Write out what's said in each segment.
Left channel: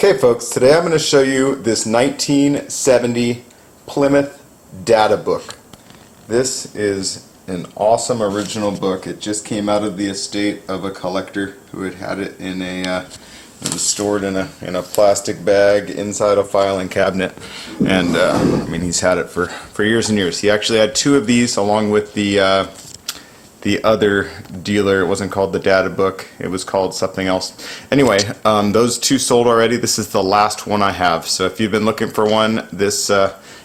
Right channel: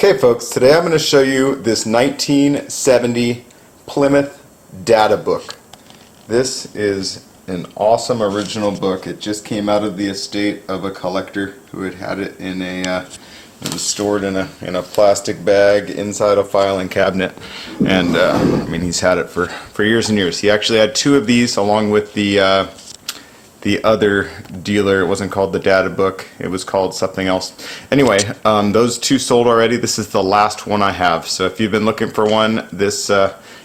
Okay folks, today I'm going to show you this 1970 Plymouth data book. This is an awesome original book. It just came out of the estate of a collector who had it in a it was stored in a plastic bag inside a filing cabinet, and I mean, he's had it for years and years. He actually had two of these along with the other dealer. It wasn't called the data book, it was called something else. Anyway, those two sold already. This is the last one I have, so if you've been looking for one, this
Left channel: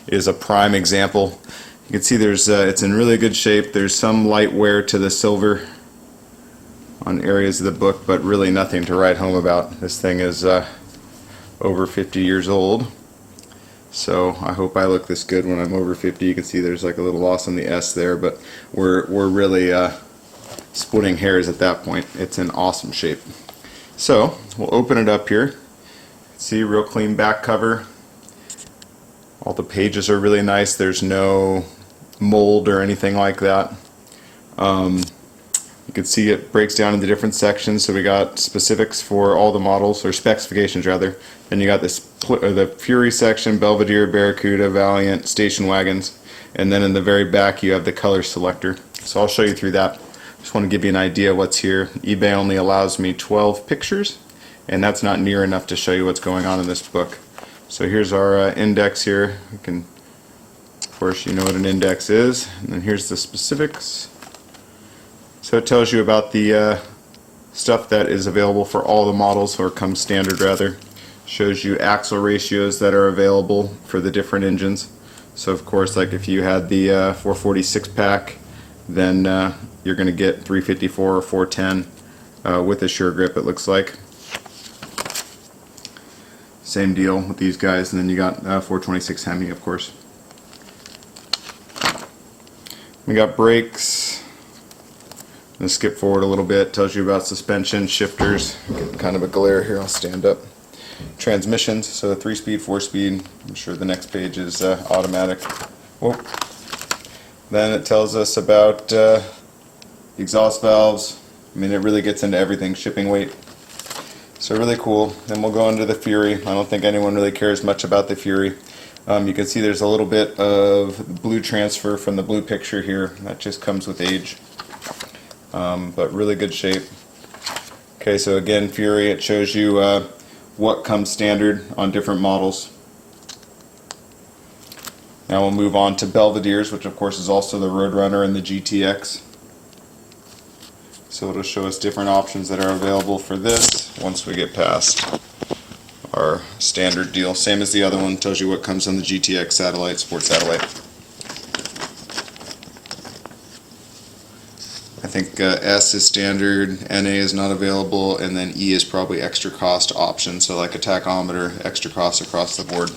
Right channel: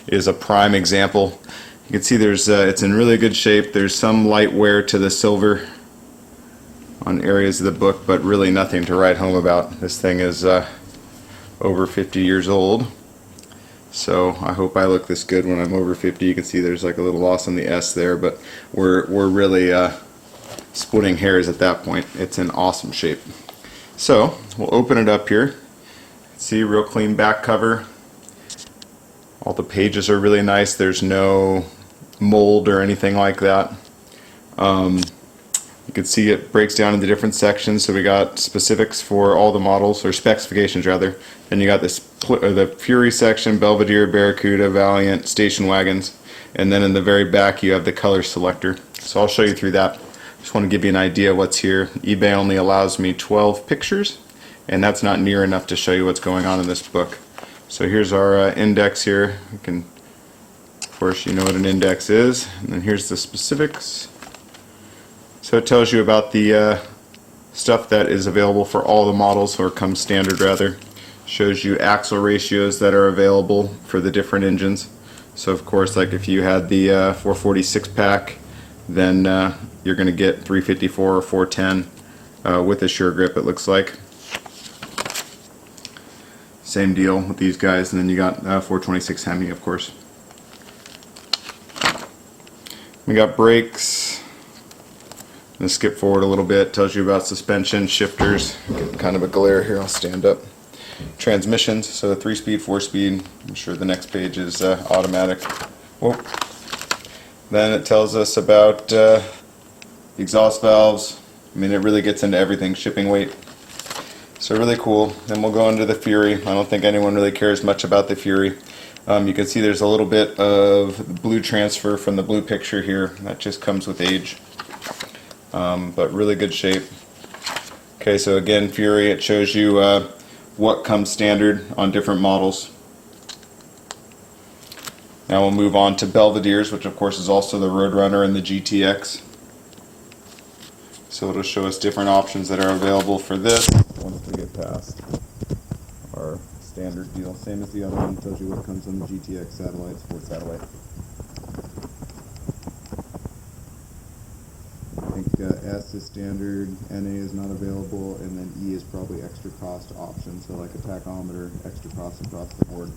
is a prime example. You can see there's it's in really good shape. There's some light wear to the silver on areas of the book, but really nothing to write home about. This thing is over 50 years old, so I hope I look this good when I'm over 50. You can see there's like a little loss on the S there, but we're really splitting hairs at that point. It's in awesome shape. So we'll open it up here. See, real clean back cover. All the pages are really nice. There's no mold or anything like that. You can see it breaks down into different sections. So we got specifics for all the models, or specifications rather. Then you got the Fury section, Belvedere, Barracuda, Valiant, station wagons, and then in the very back you have the color selector. So I'll show you through that. Just want to give you an idea of what's here. eBay only allows me 12 pictures, and that's not near enough to show you what's going on in this book. So here's our index here. You can, of course, you know what an index is. And then here's the specifics. So it tells you about the stuff that is available for all the models, or comes standard rather. Shows you axle ratios that are available for the different engines. So of course, like if you had the 446 pack, then you're going to get 354 or 410 with a sure grip, it looks like. Same deal with these guys, and then you got 426 Hemi, of course. We got brakes. I'm going to skip forward a little bit. Tells you about suspension, shifters. Get kind of a glare here. I'll stand up. Transmissions. So 3-speed, 4-speed. I'm sure the next page is automatic. Whoa. Then it tells us about exhaust valves. I mean, it really gets into everything. Shipping weight. So really cool. Then we'll go into the Fury. I don't think anyone really cares much about the Fury. You can see there's a little bit of blue transfer from the blue picture here. That just comes with age. But really good shape. Okay, so again, Fury, it shows you what comes standard on different models. Now we'll move on to Belvederes, which of course is also the Roadrunner and the GTX. So it'll show us different options that are available for this once we get past our standard deal. Same as the other one, tells you what comes on the GTX satellite, Sport Satellite. I think S is standard, NA is not available, and then E is probably extra cost option, so like a tachometer, extra cost across the board.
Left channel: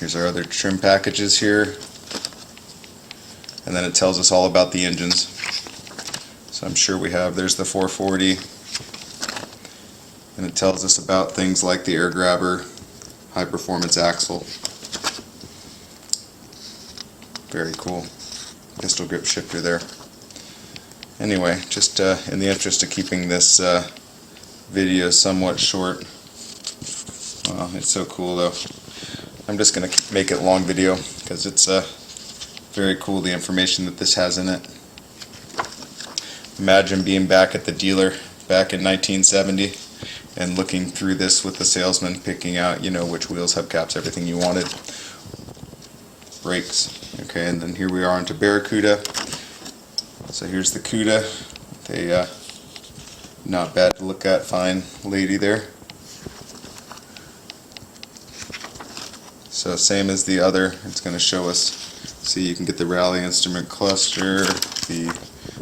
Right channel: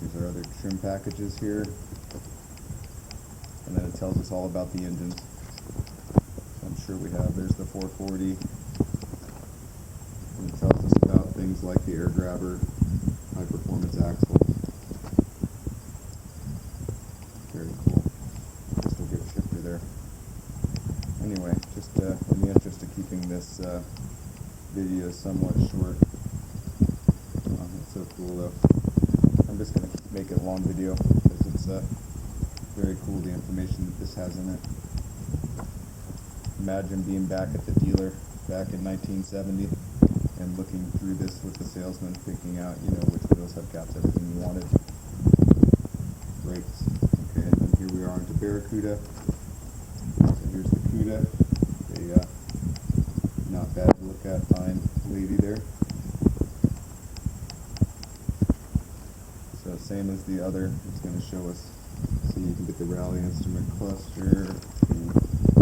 Here's our other trim packages here, and then it tells us all about the engines. So I'm sure we have, there's the 440, and it tells us about things like the air grabber, high performance axle. Very cool. Pistol grip shifter there. Anyway, just in the interest of keeping this video somewhat short, wow, it's so cool though. I'm just going to make it a long video because it's very cool, the information that this has in it. Imagine being back at the dealer back in 1970 and looking through this with the salesman, picking out, you know, which wheels, hubcaps, everything you wanted. Brakes. Okay, and then here we are onto Barracuda. So here's the Cuda. They not bad to look at, fine lady there. So same as the other, it's going to show us, see, you can get the rally instrument cluster, the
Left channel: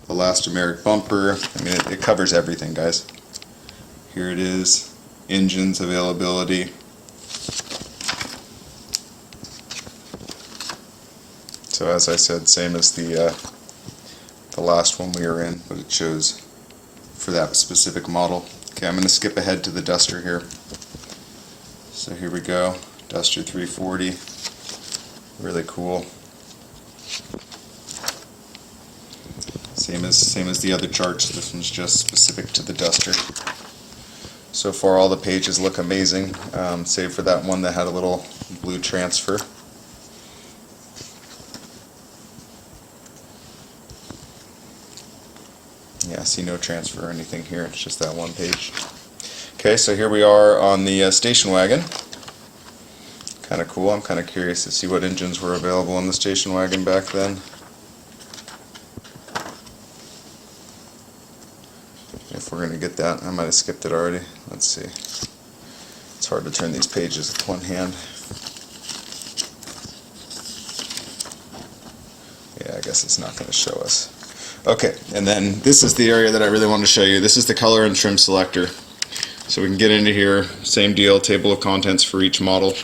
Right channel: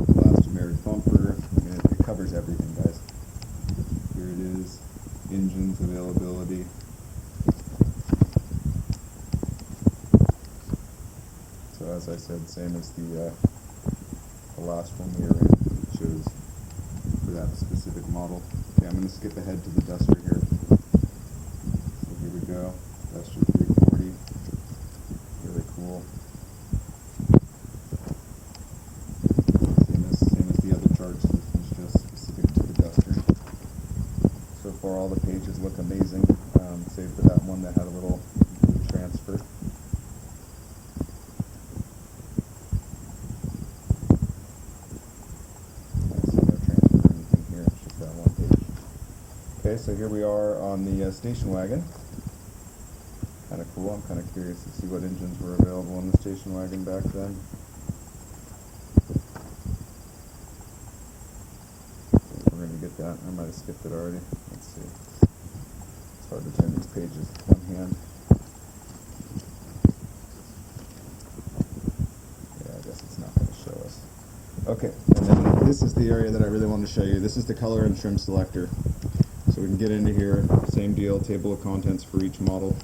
elastomeric bumper. I mean, it covers everything, guys. Here it is, engines availability. So as I said, same as the last one we were in, but it shows for that specific model. Okay, I'm going to skip ahead to the Duster here. So here we go, Duster 340, really cool. Same as the other charts, this one's just specific to the Duster. So far all the pages look amazing, save for that one that had a little blue transfer. Yeah, I see no transfer or anything here, it's just that one page. Okay, so here we are on the station wagon. Kind of cool. I'm kind of curious to see what engines were available in the station wagon back then. If we're going to get that, I might have skipped it already. Let's see. It's hard to turn these pages with one hand. Yeah, I guess it's not going to show us. Okay, and then this is the area that I really want to show you. This is the color and trim selector. So we can get into here, same deal, table of contents for each model.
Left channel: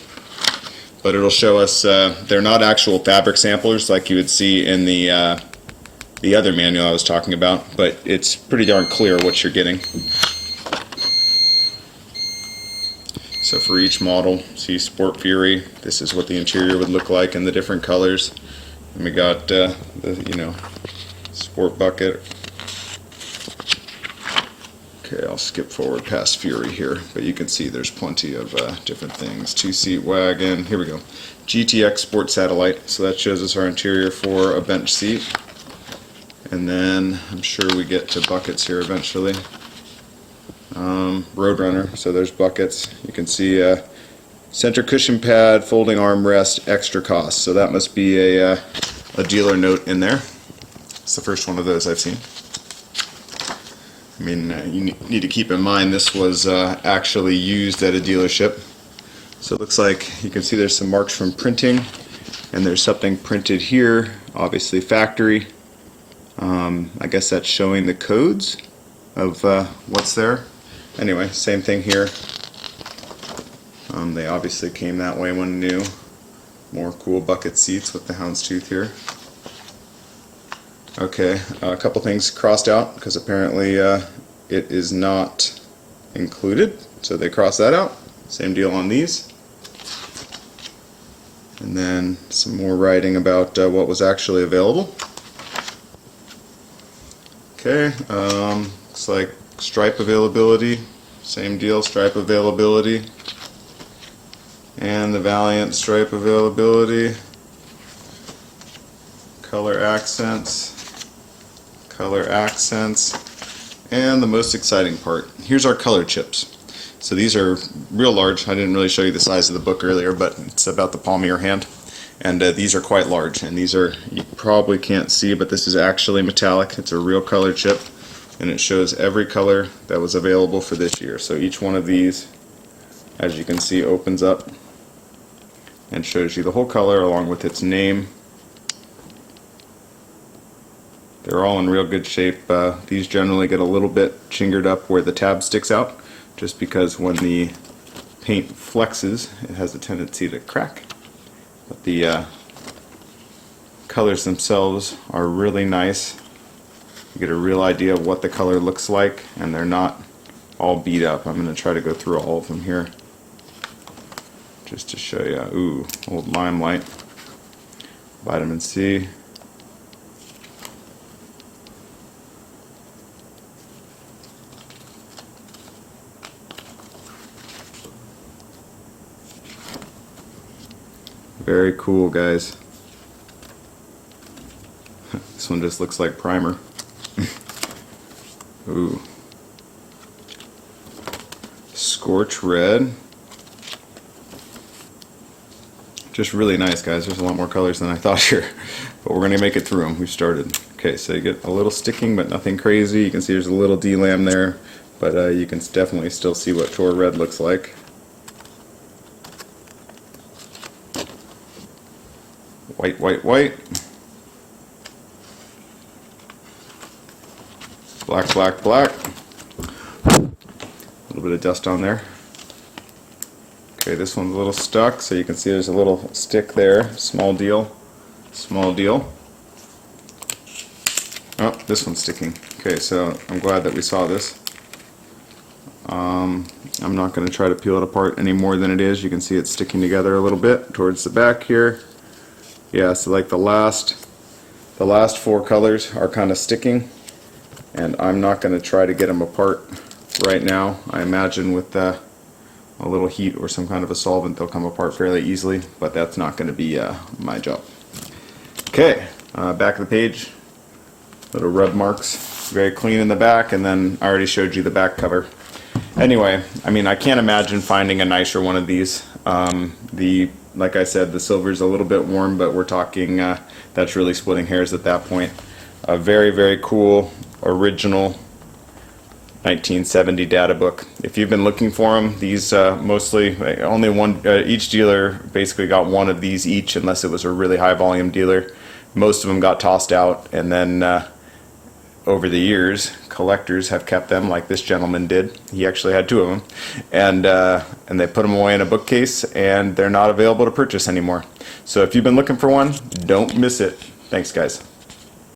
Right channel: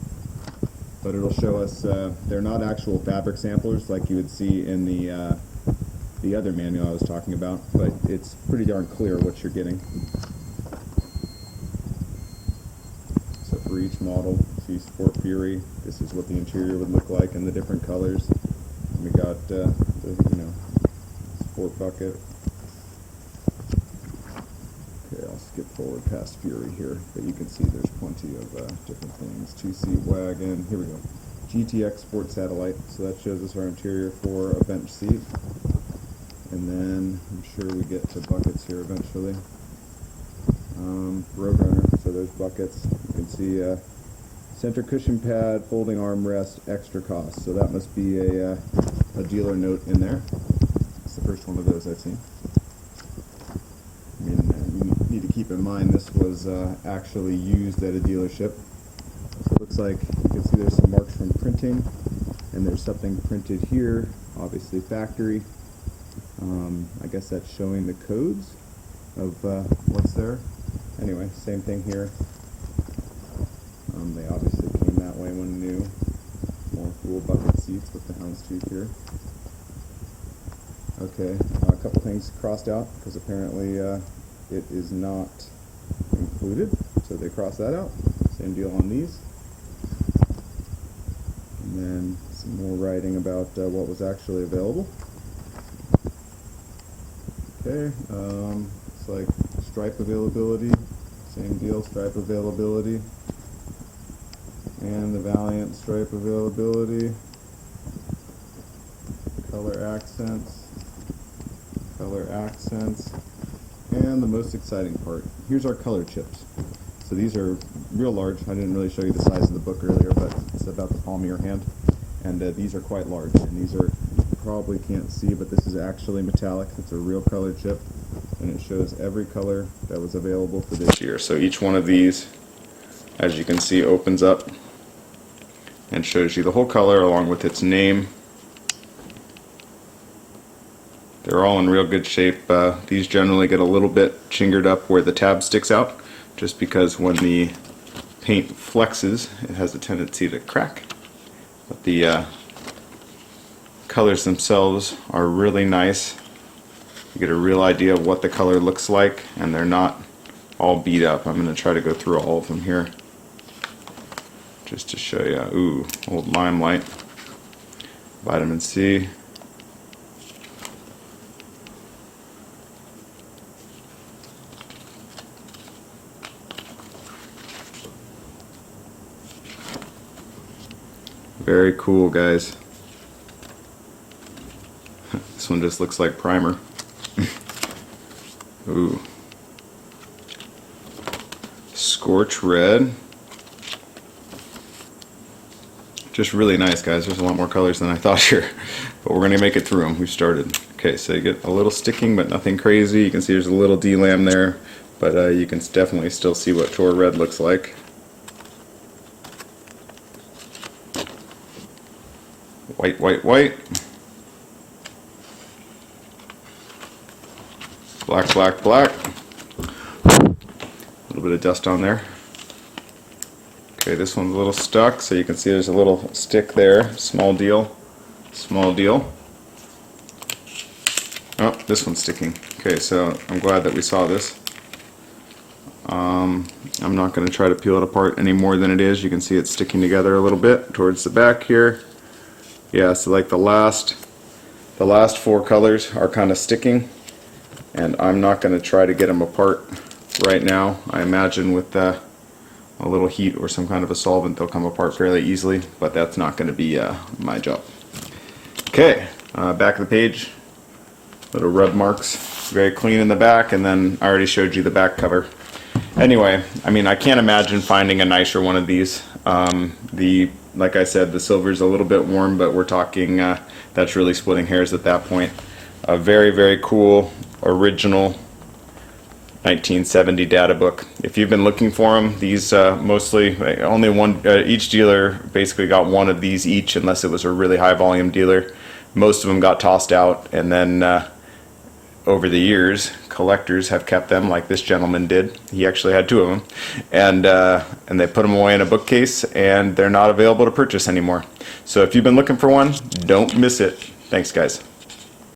But it'll show us, they're not actual fabric samplers like you would see in the other manual I was talking about, but it's pretty darn clear what you're getting. So for each model, see Sport Fury, this is what the interior would look like in the different colors. And we got the, Sport Bucket. Okay, I'll skip forward past Fury here, but you can see there's plenty of different things. Two-seat wagon, here we go. GTX Sport Satellite, so that shows us our interior for a bench seat. And then I'm sure we get to buckets here eventually. Roadrunner, so there's buckets. You can see center cushion pad, folding armrest, extra cost. So that must be a dealer note in there. It's the first one of those I've seen. I mean, you need to keep in mind this was actually used at a dealership. So it looks like you can see there's some marks from printing, and there's something printed here, obviously factory. I guess that's showing the codes of what's there. Anyway, same thing here. They obviously came that way when new. More cool bucket seats with the houndstooth here. Okay, a couple things crossed out because apparently it is not included, so they crossed that out. Same deal on these. And then some more writing about what was actually available. Okay, looks like stripe availability, same deal, stripe availability. And the Valiant stripe availability. Color accents, and the most exciting part. Here's our color chips. So these are real large. I didn't really show you the size of the book earlier, but it's about the palm of your hand. And these are quite large, and these are, you probably can't see, but this is actually metallic. It's a real color chip, and it shows every color that was available for this year. So each one of these, as you can see, opens up and shows you the whole color along with its name. They're all in real good shape. These generally get a little bit chingered up where the tab sticks out, just because when the paint flexes, it has a tendency to crack. But the colors themselves are really nice. You get a real idea of what the color looks like, and they're not all beat up. I'm going to try to go through all of them here just to show you. Ooh, old Limelight, vitamin C. Very cool, guys. This one just looks like primer. Ooh. Scorch Red. Just really nice, guys. There's a lot more colors than I thought here, but we're going to make it through them. We've started. Okay, so you get a little sticking, but nothing crazy. You can see there's a little D-lam there, but you can definitely still see what Tor Red looks like. White, white, white. Black, black, black. A little bit of dust on there. Okay, this one's a little stuck, so you can see there's a little stick there. Small deal. Small deal. Oh, this one's sticking. Okay, so I'm glad that we saw this. I'm not going to try to peel it apart any more than it is. You can see it's sticking together a little bit towards the back here. Yeah, so like the last 4 colors are kind of sticking, and I'm not going to try to get them apart right now. I imagine with a little heat or some kind of a solvent they'll come apart fairly easily, but that's not going to be my job. Okay, back of the page, little rub marks, very clean in the back, and then I already showed you the back cover. Anyway, I mean, I can't imagine finding a nicer one of these. Like I said, the silver's a little bit warm, but we're talking, that's really splitting hairs at that point. A very, very cool, original 1970 data book. If you've been looking for them, these mostly, only one, each dealer basically got one of these each, unless it was a really high volume dealer. Most of them got tossed out, and then over the years, collectors have kept them, like this gentleman did. He actually had 2 of them, and they put them away in a bookcase, and they're not available to purchase anymore. So if you've been looking for one, don't miss it. Thanks, guys.